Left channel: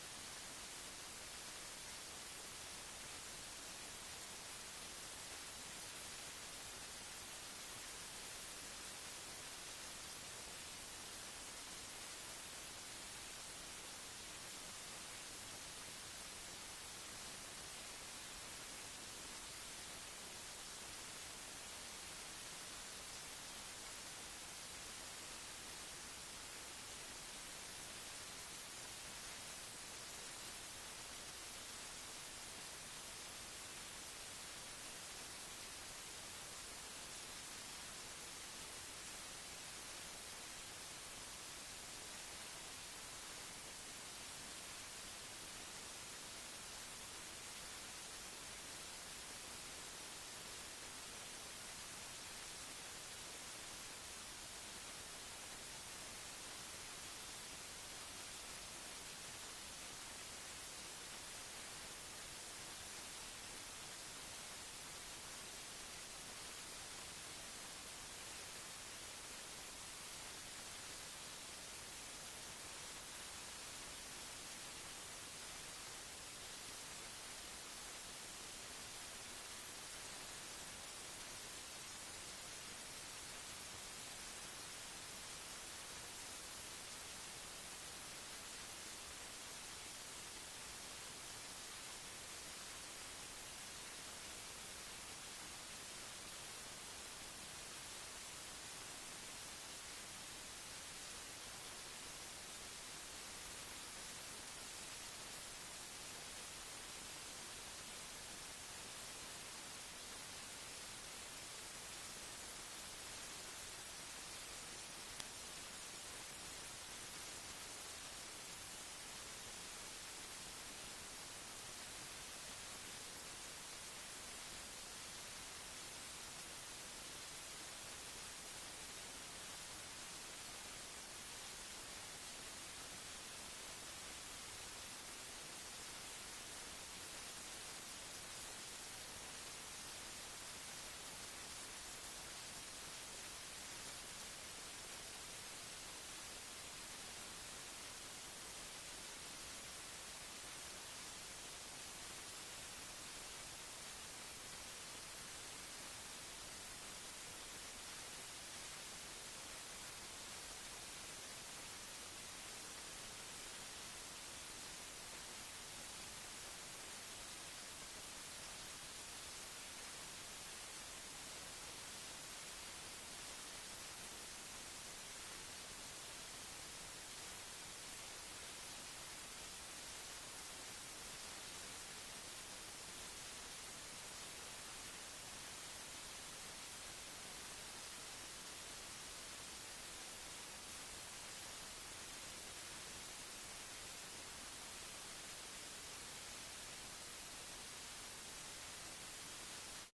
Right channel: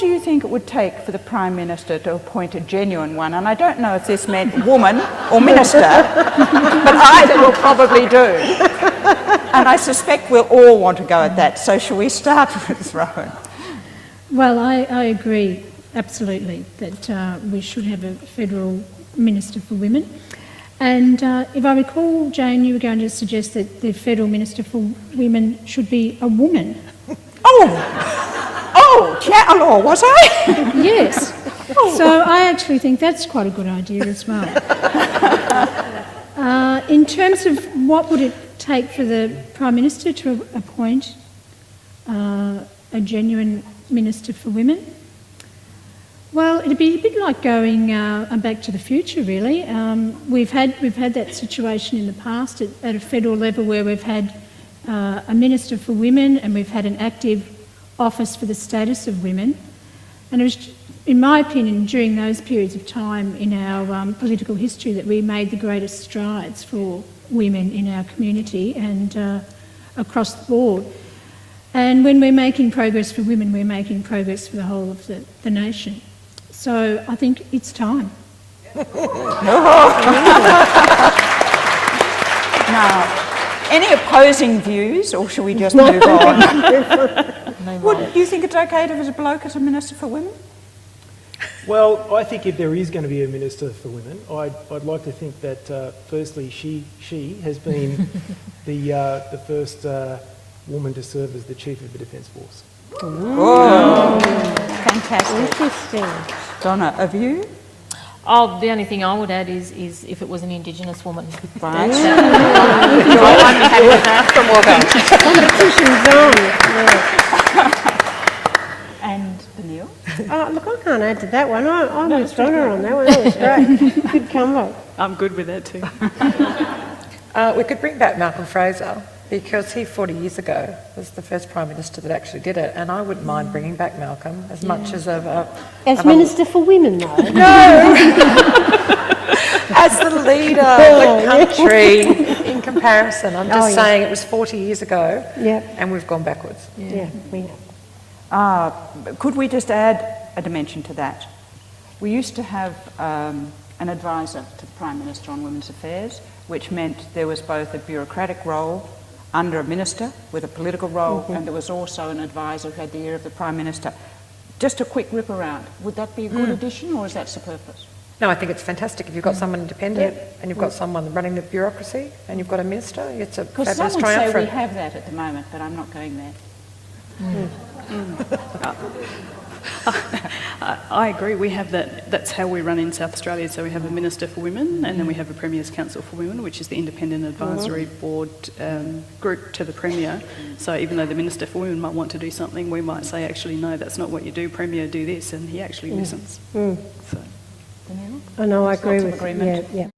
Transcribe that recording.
do you think it would take for the Prime Minister to appoint a genuine one? And I don't know if this meant woman or minister, but either will probably do. And I suspect we'll all want to go at that. So shall we start with Rowan? Well, I agree absolutely that we should have a federal Minister for Women. And if I recall, Jane, you were going to suggest that the federal Minister for Women should be a woman. Oh, Chatelaw, was I? Yes. So I actually think that's quite a good idea as well. In terms of what would it take for the Prime Minister to appoint a genuine Minister for Women? Well, it'd be a bit like going back to the future, really. We've had that situation in the past at a federal level where we've had a Minister for Women and we've had an active office for the status of women. And it was, in my opinion, during those periods of time in our political history that we made the greatest strides for women in our community and across the board. And when we're making progress for women, we're making progress for the whole of the nation. So I think it's time. Now, any opposing views, or shall we just move on? Would you think it's okay to have a bloke as a Minister for Women? Well, I think if there is going to be a Minister for Women, I'd like to think that firstly she has been the first woman to serve as the Chief of the Defence Force. Oh, fantastic. Interesting. Donna, a view? Oh, the only thing I would add is if it was an Indigenous woman. Right. I'm happy with that. From Wagga. Competition's on. And Panel? Look, I can't add to that one. I'm with Donna on that one. That was great. Good combo. I'm good with that too. We could bring back Malcolm Fraser because he 40 years ago was the first Prime Minister that actually did it, and I wouldn't mind bringing back Malcolm as much as As Minister for Women, though. No! As the leader of the country in comparison. I'm just saying it was 40 years ago and we've gone backwards. Yeah, we have. Could we just add a dimension to that? We used to have an advisor to the Prime Minister on Women's Affairs, which meant there was both a bureaucratic role under a minister with a political role, and there was also an advisor who had the ear of the Prime Minister. Just a quick whip around. Would that be a good addition, or is that superfluous? No, I think it's fantastic. If you've got someone independent and you've got someone running the bureaucracy and you've got a minister, it's a fabulous Because some would triumph. say we have that at the moment, but I'm not going there. I agree, we have that. That's how we run in South Australia. So we have a Minister for Women and then we have a Premier's Council for Women, which is the independent advisory board group to the Premier. So even though the Minister for Women might want to do something, we might say, actually, no, that's not what you do, Premier, do this, and he actually listens. So. I know, I agree Lots of with agreement. Yeah.